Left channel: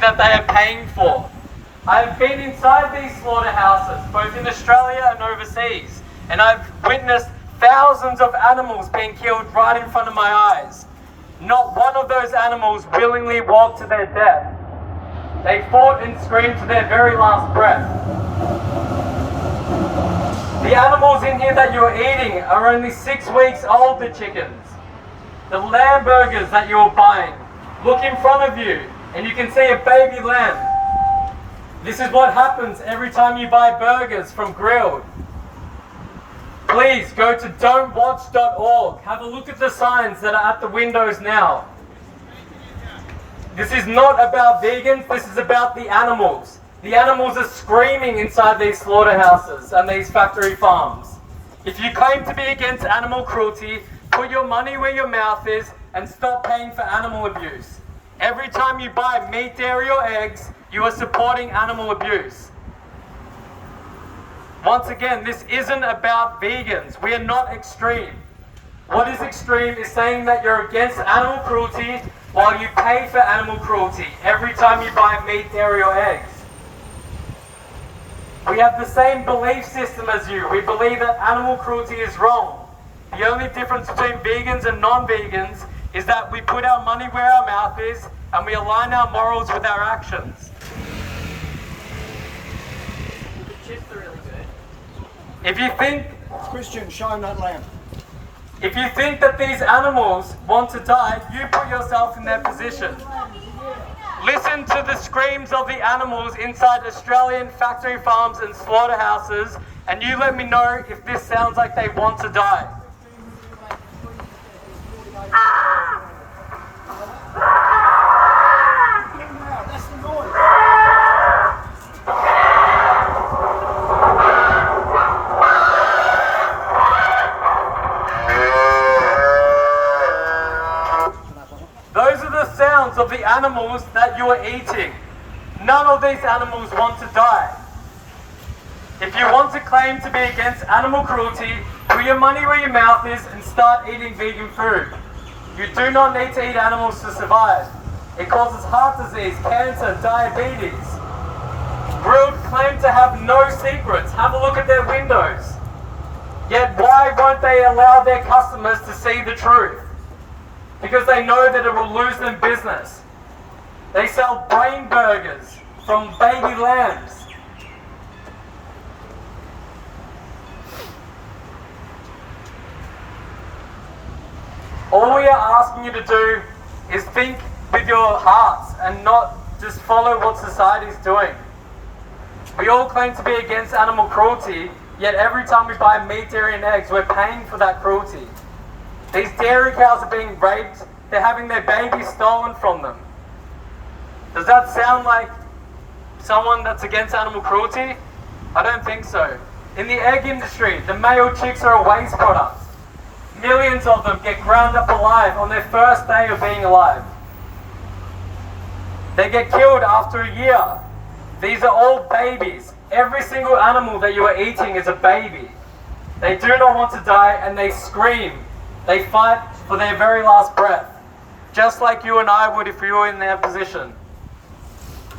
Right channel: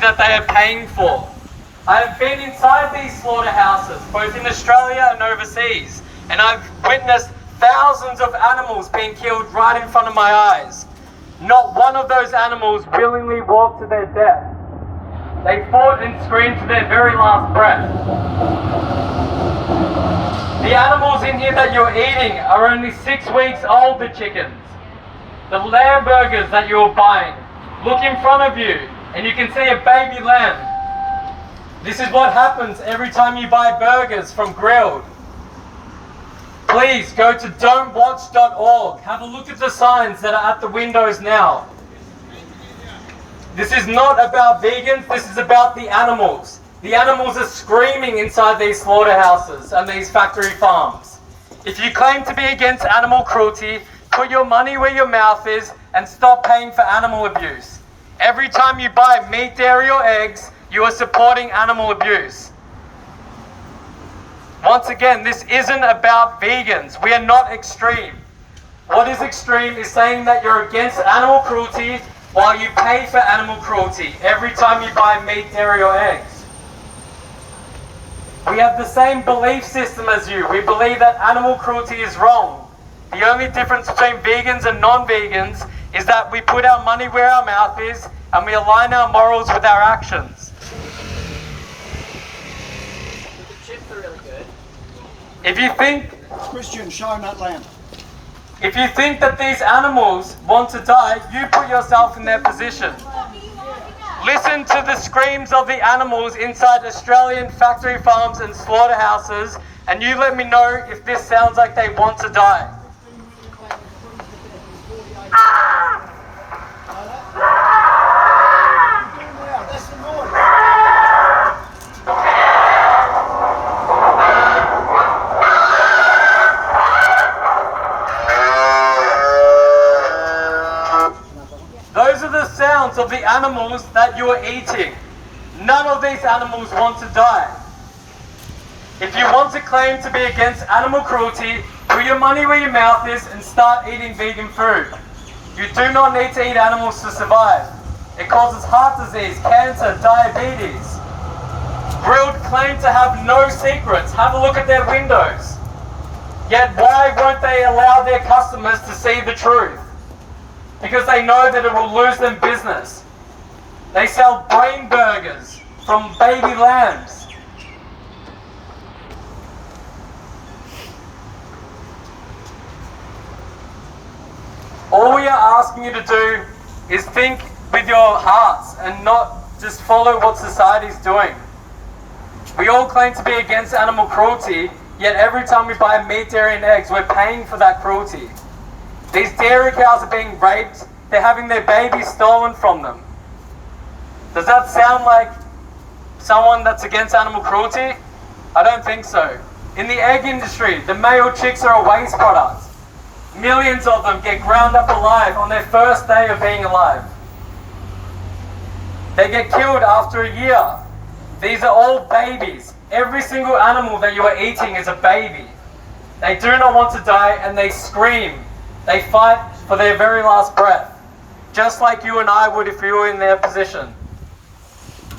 that they are paying for. I have been inside these slaughterhouses, both in Australia and overseas, and I've witnessed thousands of animals being killed right in front of my eyes. Not one of those animals willingly walked to their death. They fought and screamed to their very last breath. The animals in here that you're eating are only 6 weeks old, the chickens. The lamb burgers that you're buying, look in front of you and you can see a baby lamb. This is what happens every time you buy burgers from Grilled. Please go to don'twatch.org. Have a look at the signs that are at the windows now. This is not about vegans, this is about the animals. The animals are screaming inside these slaughterhouses and these factory farms. If you claim to be against animal cruelty, put your money where your mouth is and stop paying for animal abuse. Every time you buy meat, dairy or eggs, you are supporting animal abuse. Once again, this isn't about vegans. We are not extreme. What is extreme is saying that you're against animal cruelty while you pay for animal cruelty every time you buy meat, dairy or eggs. We have the same belief system as you. We believe that animal cruelty is wrong. The only difference between vegans and non-vegans is that we put our money where our mouth is and we align our morals with our actions. The chips are really good. If you think, Christian, show him that lamb. if you think that these animals want to die, you put yourself in their position. Listen to the screams of the animals inside Australian factory farms and slaughterhouses, and you let me know if this sounds like they want to die. Those are the sounds of the animals that you are eating. None of these animals want to die. If you want to claim to be against animal cruelty, put your money where your mouth is and start eating vegan food. You do not need to eat animals to survive. It causes heart disease, cancer, diabetes. Grilled claim to have no secrets. Have a look at their windows. Yet why won't they allow their customers to see the truth? Because they know that it will lose them business. They sell brain burgers from baby lambs. All we are asking you to do is think with your hearts and not just follow what society is doing. We all claim to be against animal cruelty, yet every time we buy meat, dairy and eggs, we're paying for that cruelty. These dairy cows are being raped, they're having their babies stolen from them. Does that sound like someone that's against animal cruelty? I don't think so. In the egg industry, the male chicks are a waste product. Millions of them get ground up alive on their first day of being alive. They get killed after a year. These are all babies. Every single animal that you are eating is a baby. They do not want to die and they scream. They fight for their very last breath, just like you and I would if we were in their position.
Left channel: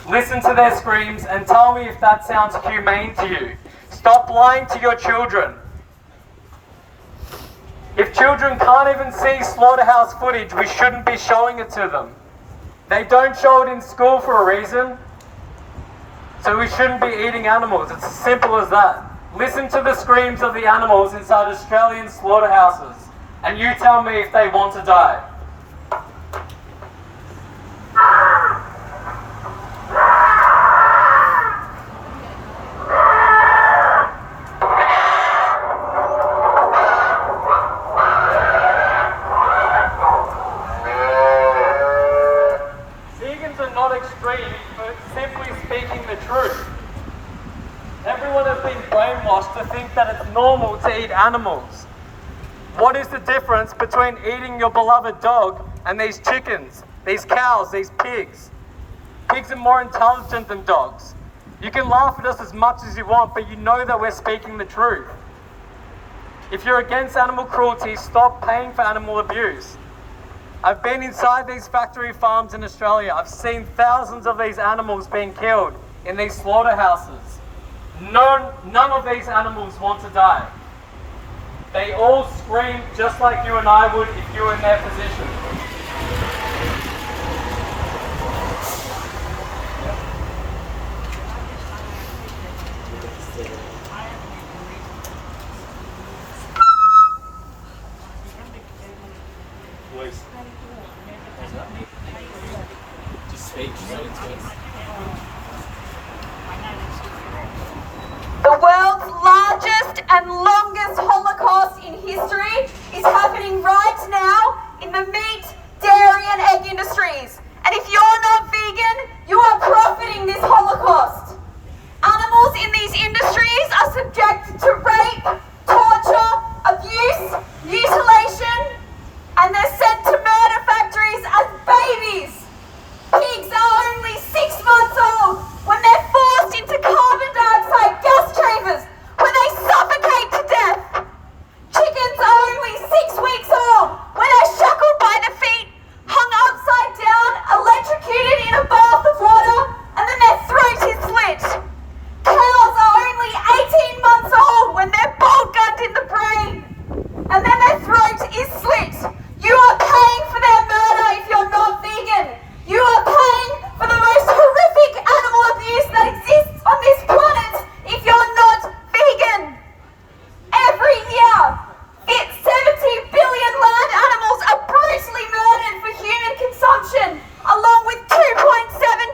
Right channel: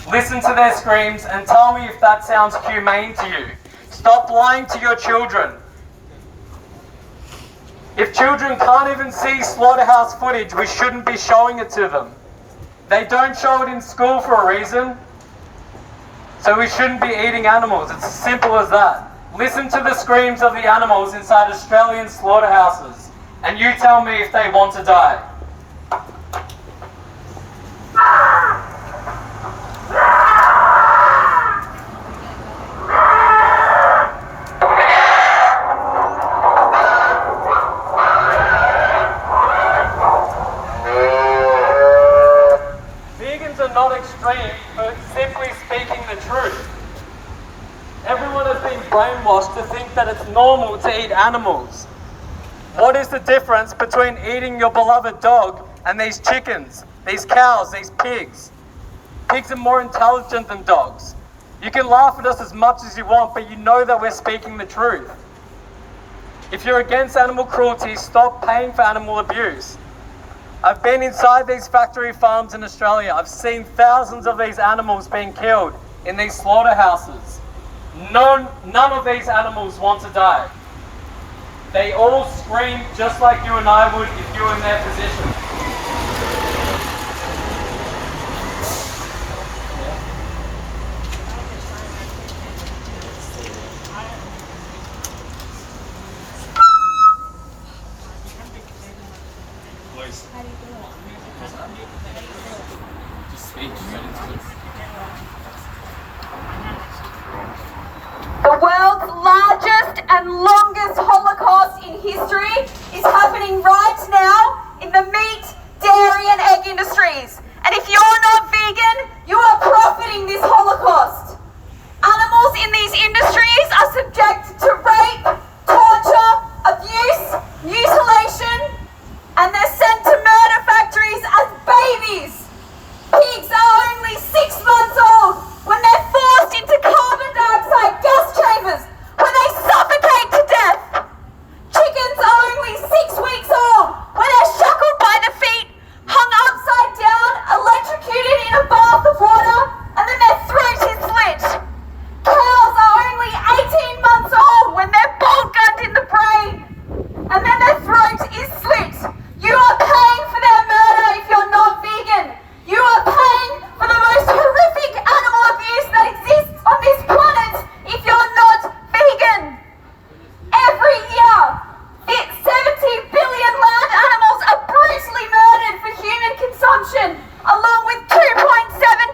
Listen to their screams and tell me if that sounds humane to you. Stop lying to your children. If children can't even see slaughterhouse footage, we shouldn't be showing it to them. They don't show it in school for a reason, so we shouldn't be eating animals. It's as simple as that. Listen to the screams of the animals inside Australian slaughterhouses, and you tell me if they want to die. Vegans are not extreme, but simply speaking the truth. Everyone has been brainwashed to think that it's normal to eat animals. What is the difference between eating your beloved dog and these chickens, these cows, these pigs? Pigs are more intelligent than dogs. You can laugh at us as much as you want, but you know that we're speaking the truth. If you're against animal cruelty, stop paying for animal abuse. I've been inside these factory farms in Australia. I've seen thousands of these animals being killed in these slaughterhouses. None of these animals want to die. They all scream just like you and I would if you were in their position. The world's largest and longest Holocaust in history is happening right now in the meat, dairy and egg industries. And if you're not vegan, you are profiting this Holocaust. Animals in these industries are subjected to rape, torture, abuse, mutilation, and they're sent to murder factories as babies. Pigs are only 6 months old when they're forced into carbon dioxide gas chambers where they suffocate to death. Chickens are only 6 weeks old when they're shackled by the feet, hung upside down, electrocuted in a bath of water, and then their throat is slit. Cows are only 18 months old when they're bolt gunned in the brain, and then their throat is slit. You are paying for their murder if you're not vegan. You are paying for the most horrific animal abuse that exists on this planet if you're not vegan. Every year, 70 billion land animals are brutally murdered for human consumption, along with 2.7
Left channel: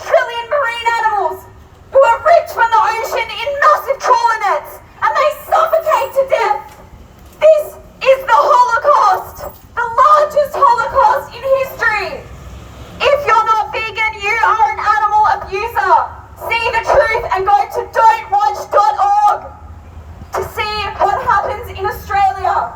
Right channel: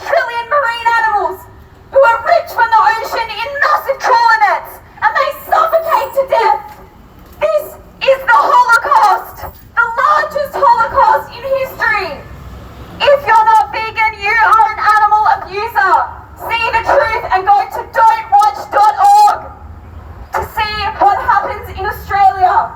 trillion marine animals who are ripped from the ocean in massive trawler nets, and they suffocate to death. This is the Holocaust, the largest Holocaust in history. If you're not vegan, you are an animal abuser. See the truth and go to don'twatch.org to see what happens in Australia.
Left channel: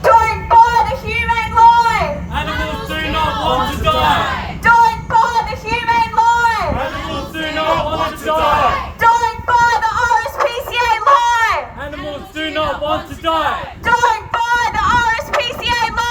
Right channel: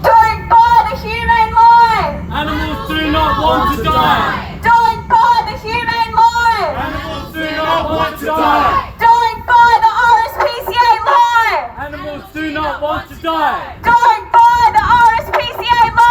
Don't buy the humane lie. Animals do not want to die. Don't buy the humane lie. Animals do not want to die. Don't buy the RSPCA lie. Animals do not want to die. Don't buy the RSPCA lie.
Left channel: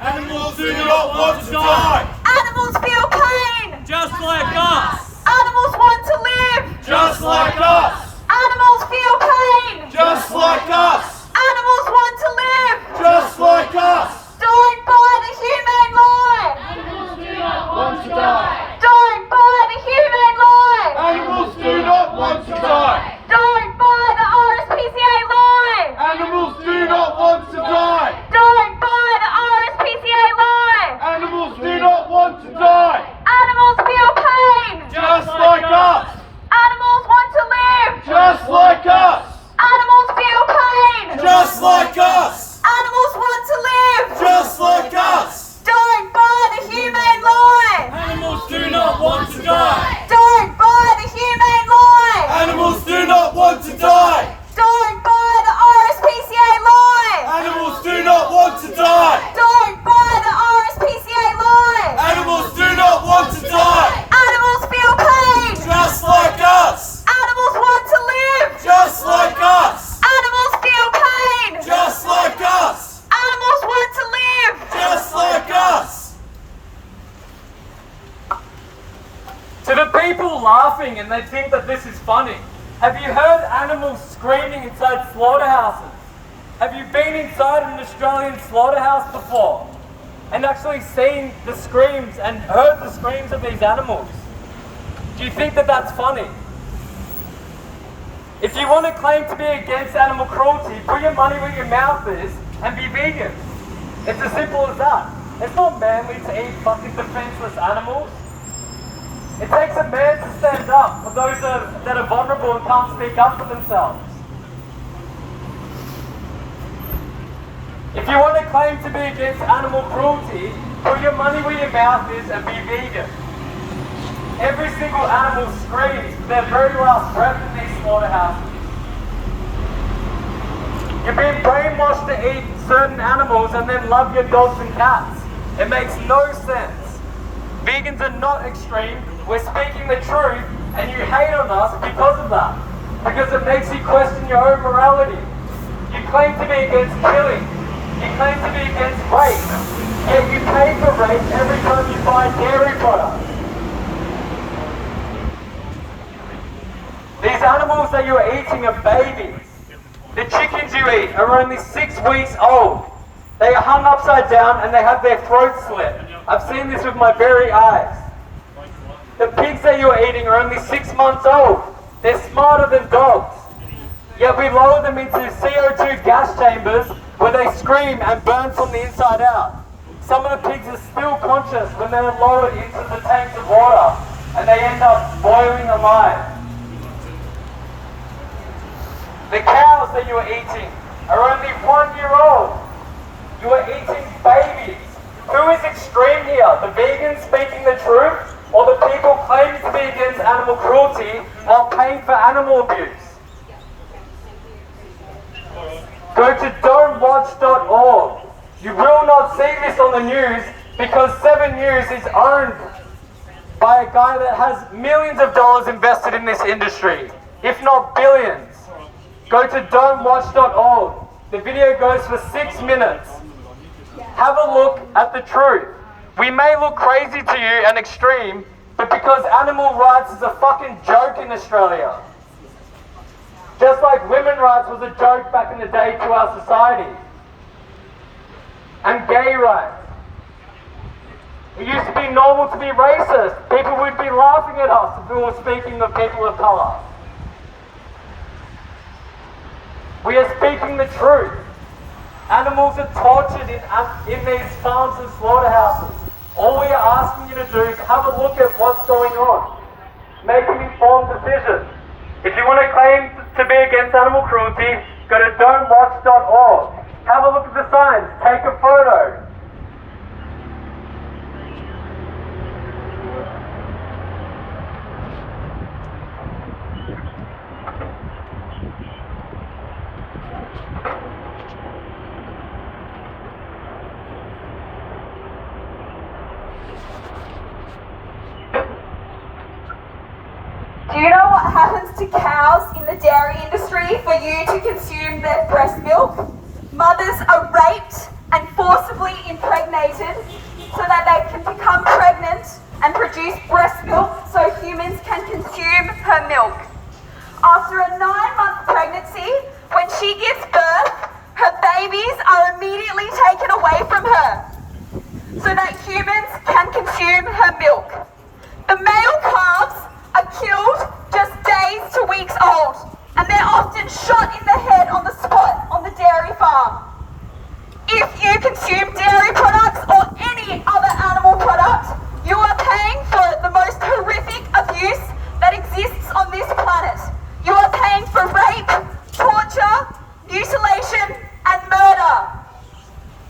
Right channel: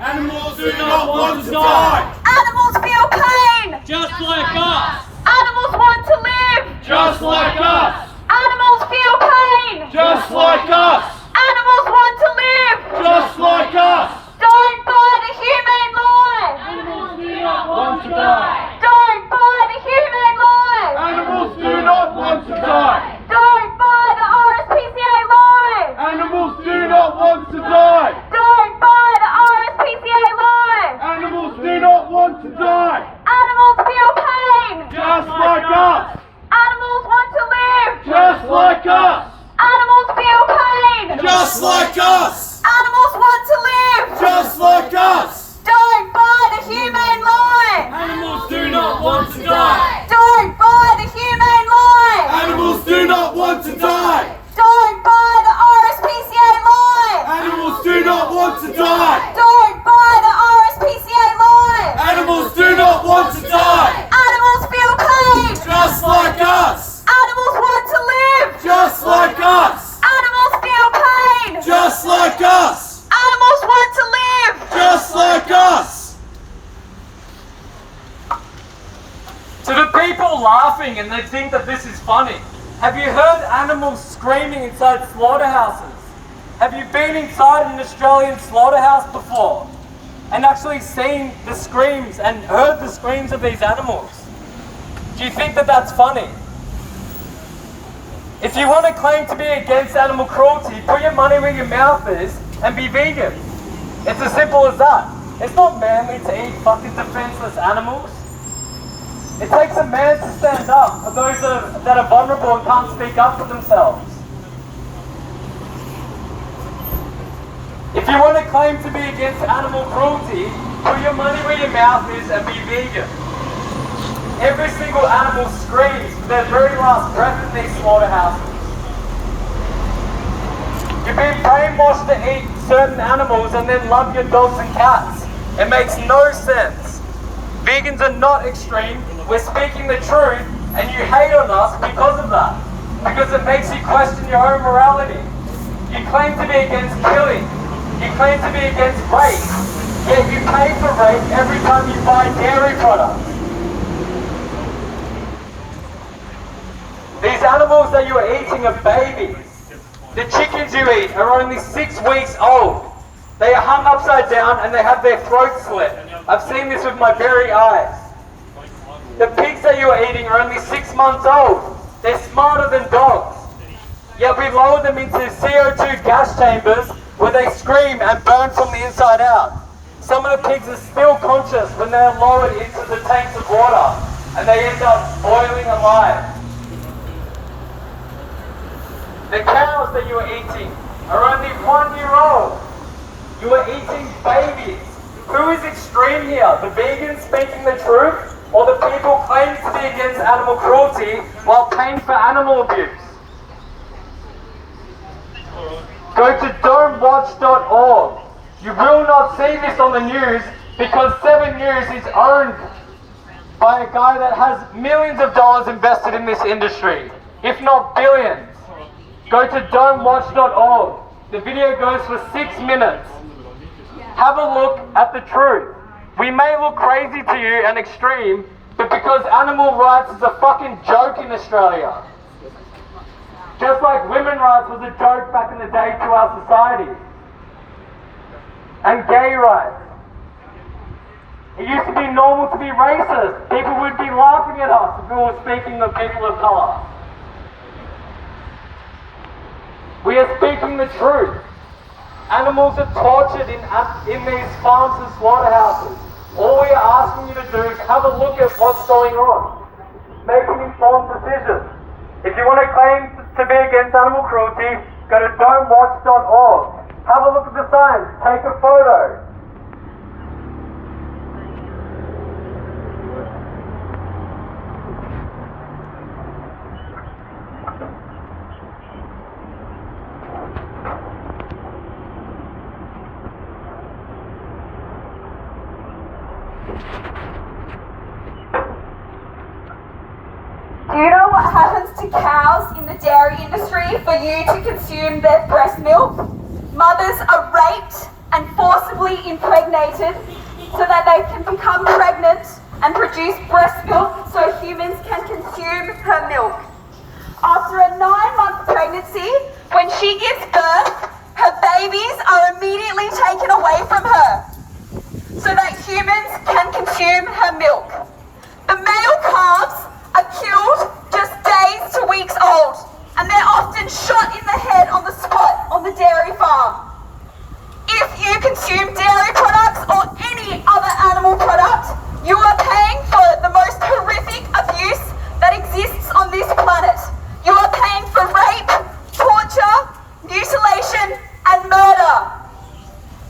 Animals do not want to die. Animals feel pain. Just like us. Animals want to live. Just like us. Animals feel pain. Just like us. Animals want to live. Just like us. Don't buy the humane lie. Animals do not want to die. Don't buy the humane lie. Animals do not want to die. Don't buy the RSPCA lie. Animals do not want to die. Don't buy the RSPCA lie. Animals do not want to die. Animals feel pain. Just like us. Animals want to live. Just like us. Animals feel pain. Just like us. Animals want to live. Just like us. Don't buy the humane lie. Animals do not want to die. Don't buy the humane lie. Animals do not want to die. Don't buy the RSPCA lie. Animals do not want to die. Don't buy the RSPCA lie. Animals do not want to die. Animals feel pain. Just like us. Animals want to live. Just like us. Animals feel pain. Just like us. Animals want to live. Just like us. To the people laughing and they think that this is funny, have you heard animals screaming inside slaughterhouses? Have you been inside an Australian slaughterhouse before and actually seen the screams and heard the screams of these animals? Do you think that that's funny? If you want to claim to be against animal cruelty, put your money where your mouth is and be vegan. It's as simple as that. It's not manly to eat fucking defenseless animals. It takes a man to stand up for those that are vulnerable and can't speak up for themselves. If you want to claim to be against animal cruelty, put your money where your mouth is and be vegan. Every single animal screams for their very last breath in these slaughterhouses. You've been brainwashed to eat certain animals and then love your dogs and cats. It makes no sense. Vegans are not extreme. We're speaking the truth and you hate on us because of that. Because it makes you question your own morality. You claim to be against killing, You claim to be against rape, yet you pay for rape every time you buy dairy products. These animals that you're eating are babies. The chickens you eat are only 6 weeks old. They are hung upside down and they have their throats slit. I've seen this with my very eyes. The pigs that you're eating are only 6 months old. They're smarter than dogs. Yet we lower them into CO2 gas chambers where they scream and burn from the inside out. Some of the pigs are still conscious when they're lowered into the tanks of water and they end up boiling alive. The cows that you are eating are only 1 year old. You are eating babies. Who is extreme here? The vegans speaking the truth, or the people claiming to be against animal cruelty while paying for animal abuse? Go to don'twatch.org. You will not see this on the news because 7 News is owned by a guy that has millions of dollars invested in this industry, if not billions. Go to don'twatch.org. The video goes for 6 minutes. Have a look at the truth. We may look crazy to you and extreme, but because animal rights is a fucking joke in Australia. Just like women's rights was a joke back in the day to our society. And gay rights. It used to be normal to be racist. People would be laughing at us if we were speaking of people of colour. We are speaking the truth. Animals are tortured in these farms and slaughterhouses. All we are asking you to do is have a look at what's going on. Make an informed decision. If you want to claim to be against animal cruelty, go to don'twatch.org. Have a look at the signs. Take a photo. Do you know what happens to cows in the dairy industry for you to consume their breast milk? Mothers are raped and forcibly impregnated so that they can become pregnant and produce breast milk so humans can consume her milk. After a 9-month pregnancy, when she gives birth, her babies are immediately taken away from her so that humans can consume her milk. The male calves are killed just days to weeks old, and they're often shot in the head on the spot on the dairy farm. If you consume dairy products or any other animal product, you are paying for the most horrific abuse that exists on this planet. You are paying for rape, torture, mutilation, and murder.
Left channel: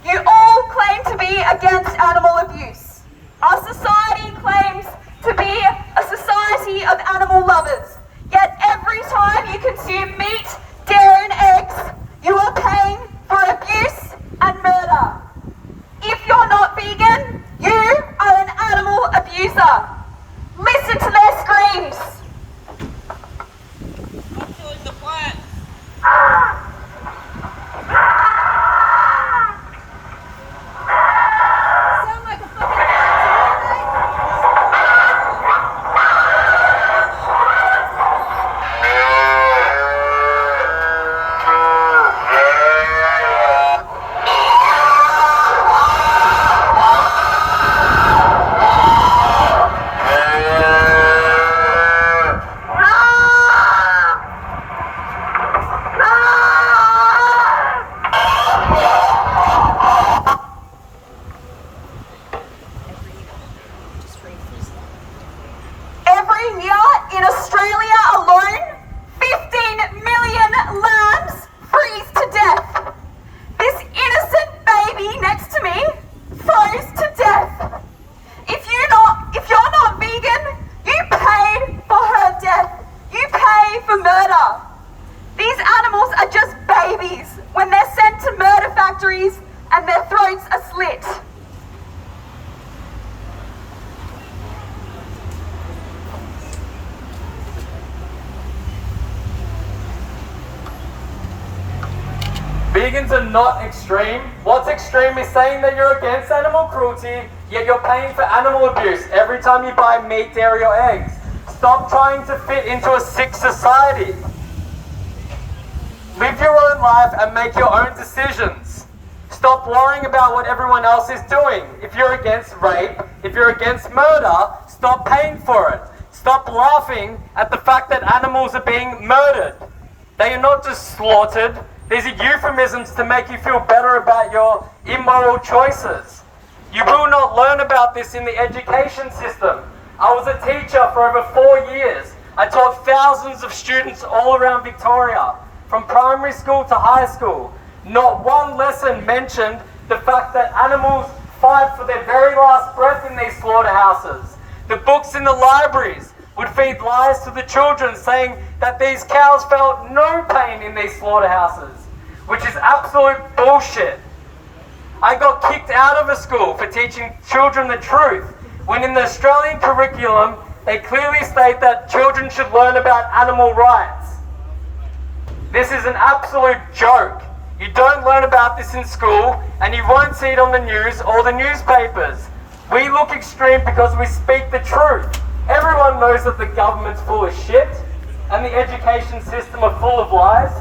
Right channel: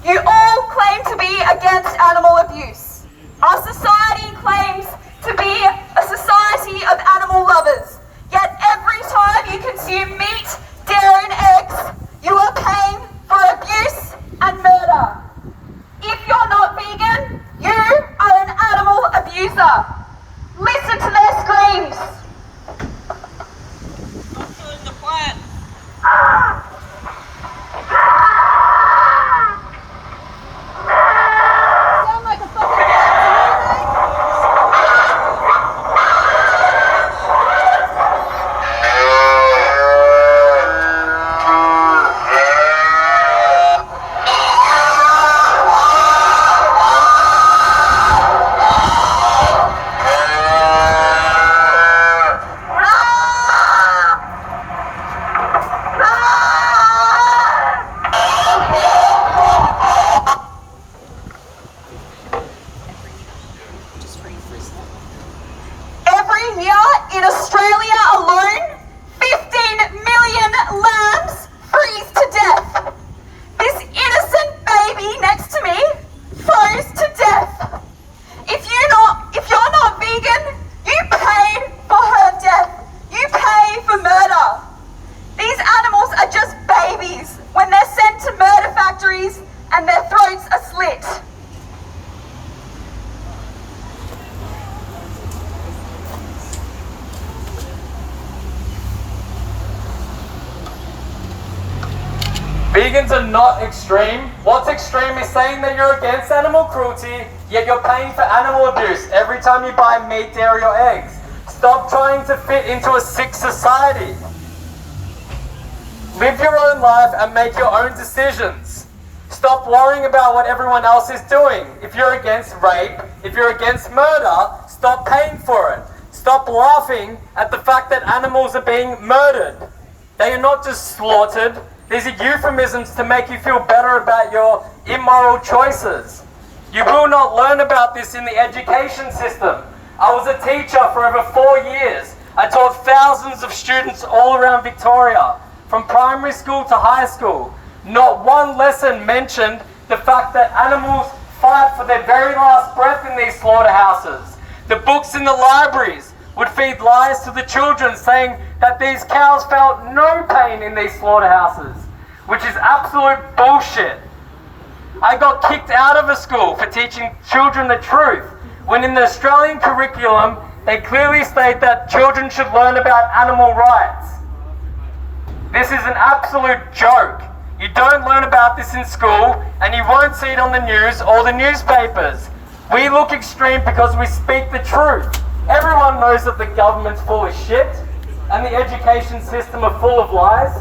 You all claim to be against animal abuse. Our society claims to be a society of animal lovers. Yet every time you consume meat, dairy and eggs, you are paying for abuse and murder. If you're not vegan, you are an animal abuser. Listen to their screams. Stop killing the plant. Sound like a fucking rat to me, mate. Every year in Australia alone, 15 million lambs freeze to death. This innocent baby next to me froze to death. If you're not vegan, you paid for her death. You pay for murder. These animals are just babies when they're sent to murder factories and their throats are slit. Vegans are not extreme. What's extreme is saying that you're against animal cruelty, yet you're paying for animal abuse every time you buy meat, dairy or eggs. Stop trying to fit into a sick society. Live your own life and make your own decisions. Stop worrying about what everyone else is doing. If you're against rape, if you're against murder, stop paying for it. Stop laughing at the fact that animals are being murdered. They are not just slaughtered. These are euphemisms to make you feel better about your immoral choices. You will not learn about this in the education system. I was a teacher for over 4 years. I taught thousands of students all around Victoria, from primary school to high school. Not one lesson mentioned the fact that animals fight for their very last breath in these slaughterhouses. The books in the libraries would feed lies to the children saying that these cows felt no pain in these slaughterhouses, which is absolute bullshit. I got kicked out of a school for teaching children the truth, when in the Australian curriculum, they clearly state that children should learn about animal rights. This is an absolute joke. You don't learn about this in school, and you won't see it on the news or the newspapers. We look extreme because we speak the truth. Everyone knows that the government's full of shit, and the education system are full of lies,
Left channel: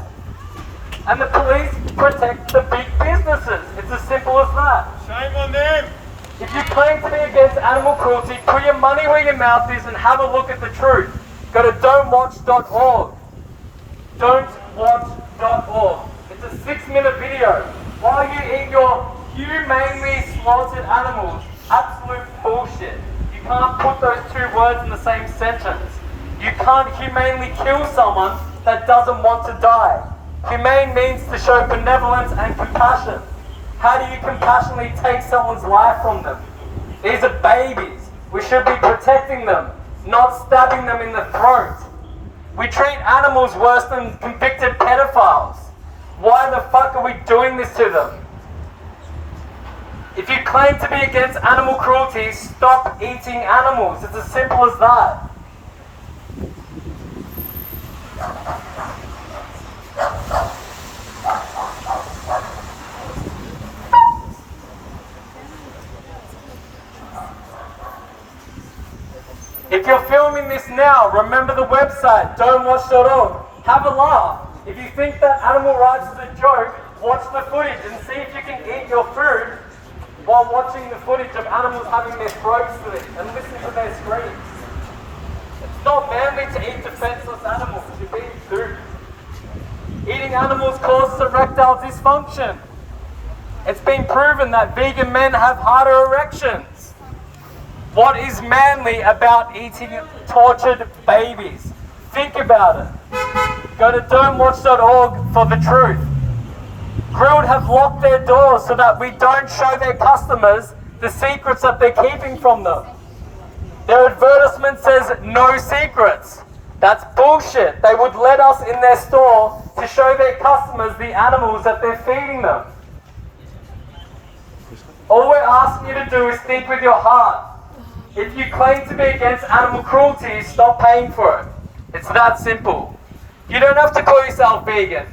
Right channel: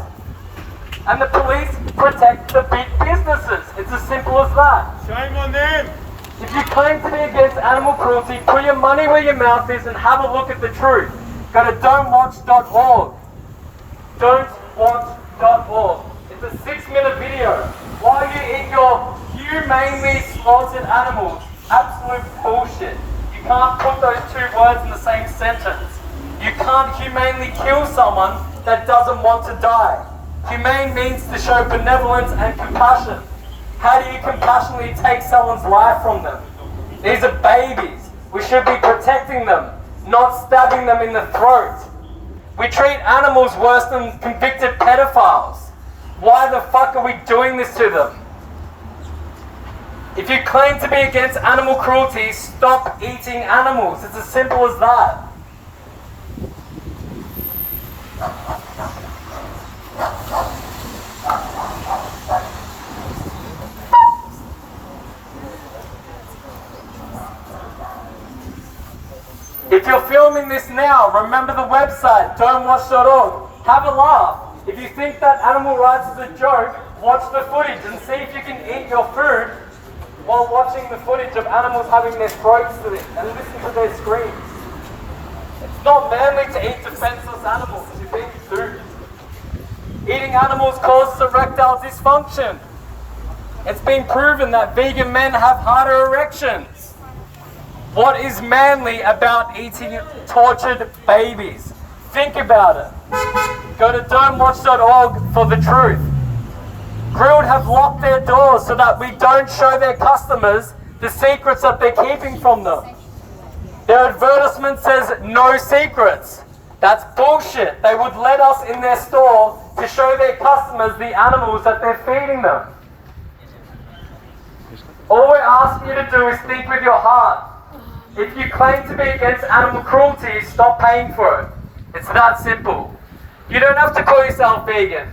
and the police protect the big businesses. It's as simple as that. Shame on them. If you claim to be against animal cruelty, put your money where your mouth is and have a look at the truth. Go to don'twatch.org. Don'twatch.org. It's a 6-minute video. While you eat your humanely slaughtered animals. Absolute bullshit. You can't put those two words in the same sentence. You can't humanely kill someone that doesn't want to die. Humane means to show benevolence and compassion. How do you compassionately take someone's life from them? These are babies. We should be protecting them, not stabbing them in the throat. We treat animals worse than convicted pedophiles. Why the fuck are we doing this to them? If you claim to be against animal cruelty, stop eating animals. It's as simple as that. If you're filming this now, remember the website, don'twatch.org. Have a laugh. If you think that animal rights is a joke, watch the footage and see if you can eat your food while watching the footage of animals having their throats slit and listen to their screams. It's not manly to eat defenseless animals. You're being food. Eating animals causes erectile dysfunction. It's been proven that vegan men have harder erections. What is manly about eating tortured babies? Think about it. Go to don'twatch.org for the truth. Grilled have locked their doors so that we don't show their customers the secrets that they're keeping from them. Their advertisement says no secrets. That's bullshit. They would let us in their store to show their customers the animals that they're feeding them. All we're asking you to do is think with your heart. If you claim to be against animal cruelty, stop paying for it. It's that simple. You don't have to call yourself vegan.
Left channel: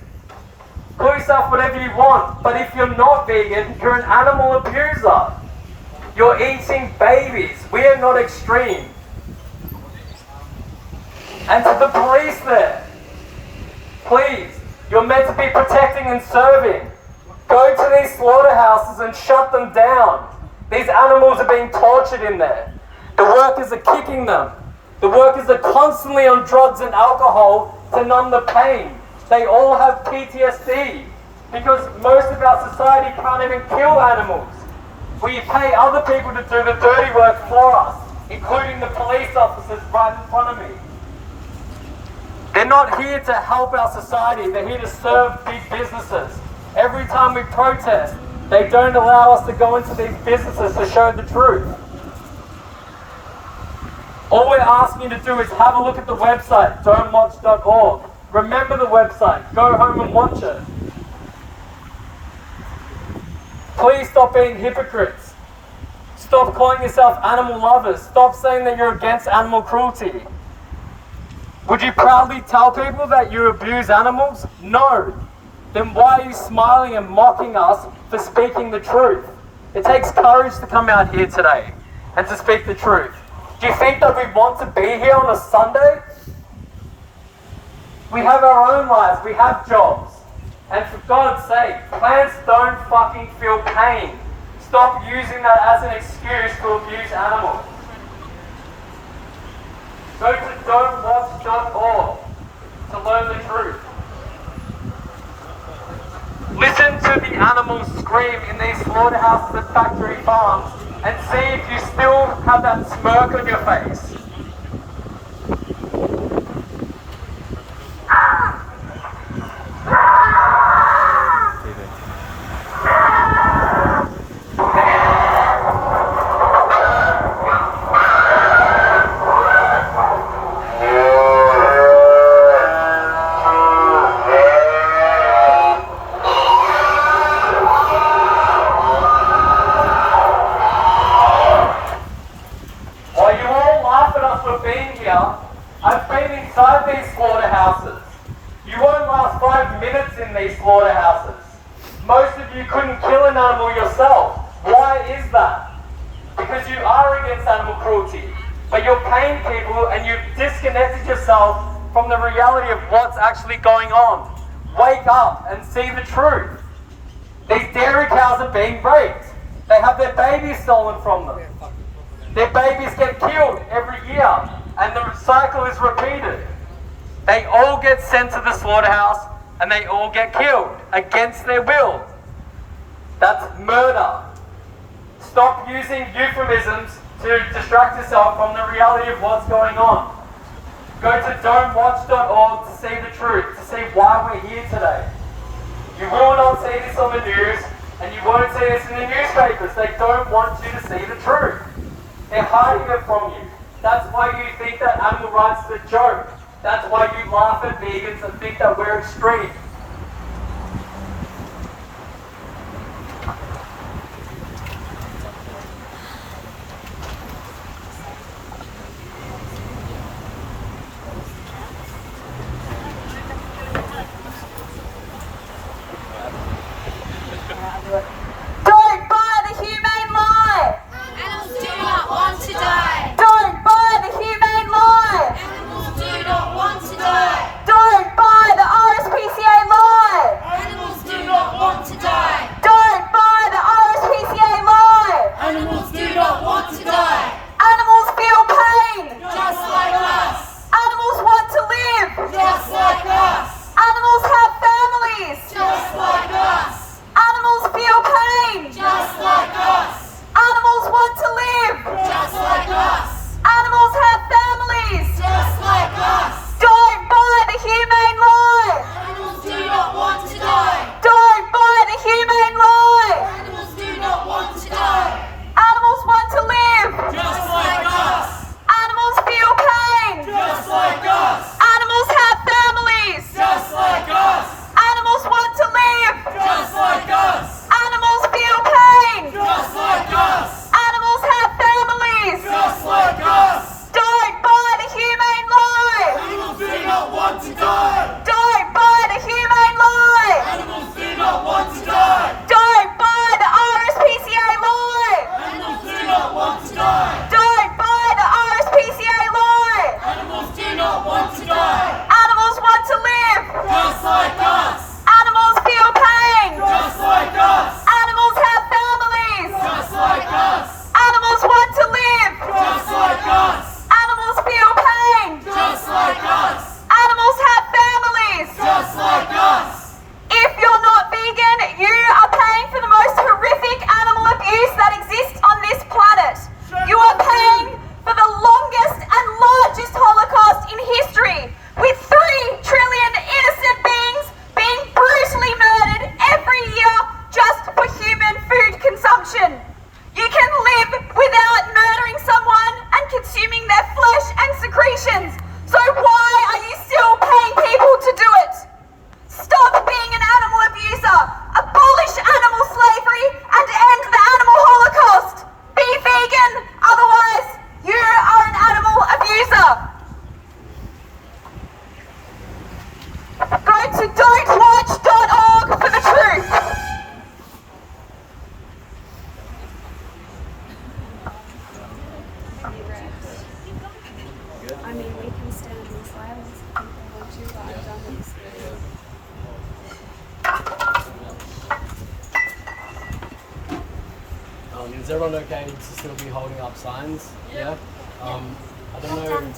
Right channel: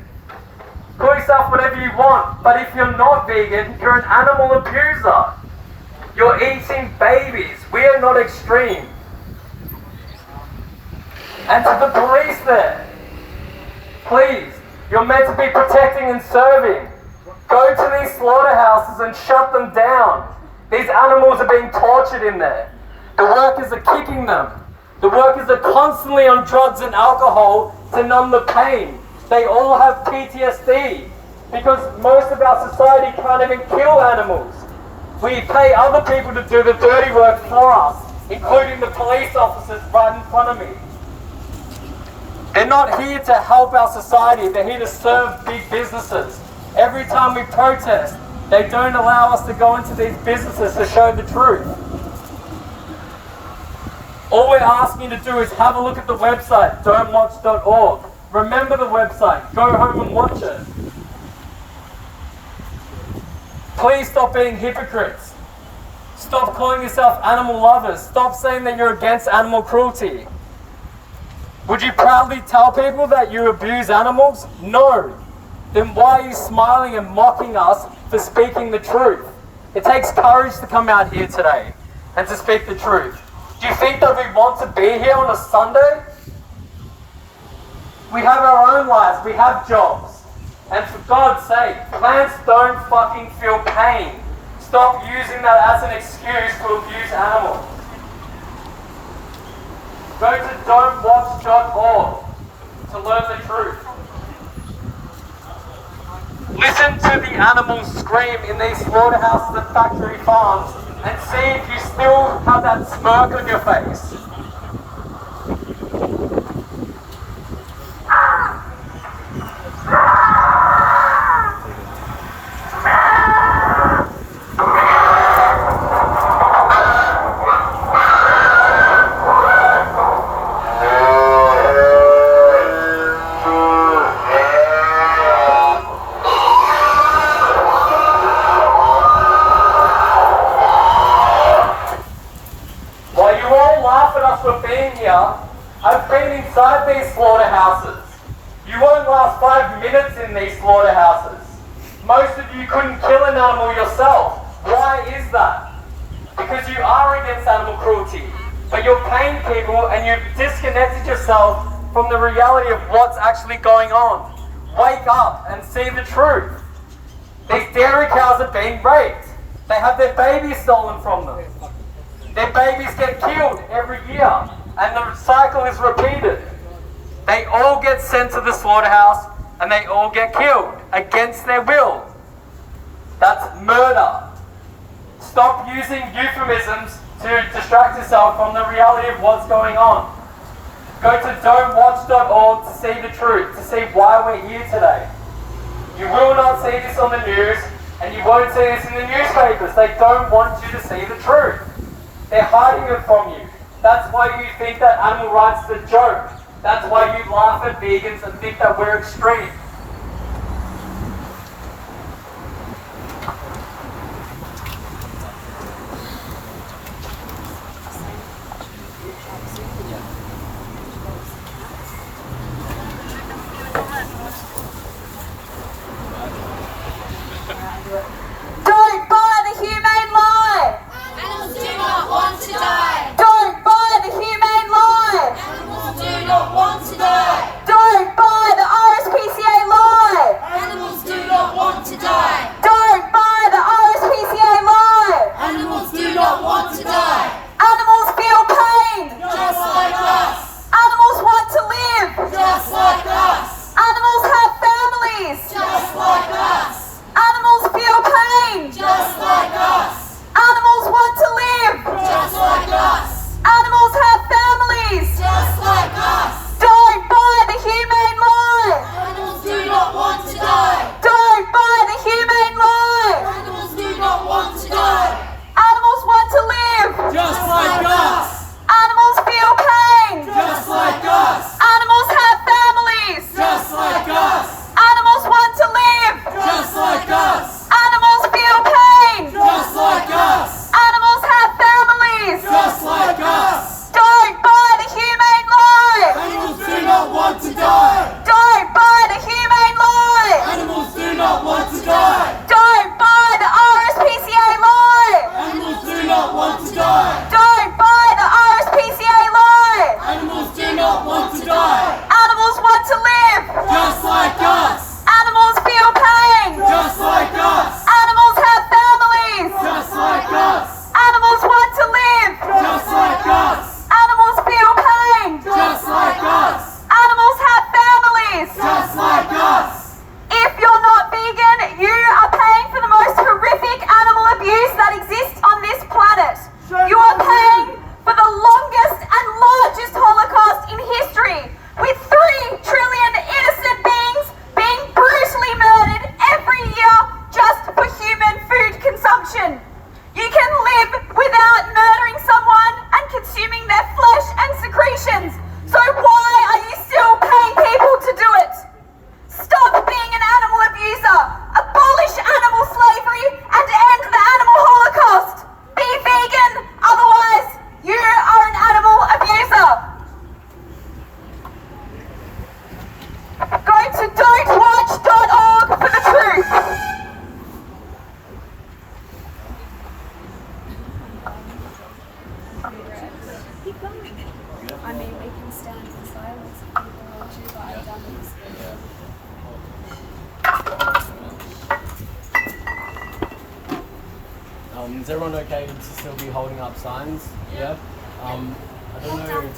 Call yourself whatever you want, but if you're not vegan, you're an animal abuser. You're eating babies. We are not extreme. And to the police there, please, you're meant to be protecting and serving. Go to these slaughterhouses and shut them down. These animals are being tortured in there. The workers are kicking them. The workers are constantly on drugs and alcohol to numb the pain. They all have PTSD because most of our society can't even kill animals. We pay other people to do the dirty work for us, including the police officers right in front of me. They're not here to help our society, they're here to serve big businesses. Every time we protest, they don't allow us to go into these businesses to show the truth. All we're asking you to do is have a look at the website, don'twatch.org. Remember the website, go home and watch it. Please stop being hypocrites. Stop calling yourself animal lovers. Stop saying that you're against animal cruelty. Would you proudly tell people that you abuse animals? No. then why are you smiling and mocking us for speaking the truth? It takes courage to come out here today and to speak the truth. Do you think that we want to be here on a Sunday? We have our own lives, we have jobs. And for God's sake, plants don't fucking feel pain. Stop using that as an excuse to abuse animals. Go to don'twatch.org to learn the truth. Listen to the animals scream in these slaughterhouses and factory farms and see if you still have that smirk on your face. I've been inside these slaughterhouses. You won't last 5 minutes in these slaughterhouses. Most of you couldn't kill an animal yourself. Why is that? Because you are against animal cruelty, but you're paying people and you've disconnected yourself from the reality of what's actually going on. Wake up and see the truth. These dairy cows are being raped. They have their babies stolen from them. Their babies get killed every year. And the cycle is repeated. They all get sent to the slaughterhouse and they all get killed against their will. That's murder. Stop using euphemisms to distract yourself from the reality of what's going on. Go to don'twatch.org to see the truth, to see why we're here today. You will not see this on the news and you won't see this in the newspapers. They don't want you to see the truth. They're hiding it from you. That's why you think that animal rights is a joke. That's why you laugh at vegans and think that we're extreme. Don't buy the humane lie! Animals do not want to die. Don't buy the humane lie! Animals do not want to die. Don't buy the RSPCA lie! Animals do not want to die. Don't buy the RSPCA lie! Animals do not want to die. Animals feel pain! Just like us. Animals want to live! Just like us. Animals have families! Just like us. Animals feel pain! Just like us. Animals want to live! Just like us. Animals have families! Just like us. Don't buy the humane lie! Animals do not want to die. Don't buy the humane lie! Animals do not want to die. Animals want to live! Just like us. Animals feel pain! Just like us. Animals have families! Just like us. Animals want to live! Just like us. Animals feel pain! Just like us. Animals have families! Just like us. Don't buy the humane lie! Animals do not want to die. Don't buy the humane lie! Animals do not want to die. Don't buy the RSPCA lie! Animals do not want to die. Don't buy the RSPCA lie! Animals do not want to die. Animals want to live! Just like us. Animals feel pain! Just like us. Animals have families! Just like us. Animals want to live! Just like us. Animals feel pain! Just like us. Animals have families! Just like us. If you're not vegan, you are paying for the most horrific animal abuse that exists on this planet. You are paying for the longest and largest Holocaust in history, with 3 trillion innocent beings being brutally murdered every year just for human food consumption. You can live without murdering someone and consuming their flesh and secretions. So why are you still paying people to do it? Stop being an animal abuser. Abolish animal slavery and end the animal holocaust. Be vegan, otherwise you are an animal abuser. Go to don'twatch.org stand in silence if people want to, but I've done this. Is everyone okay to still be holding up signs? Yeah? I don't know.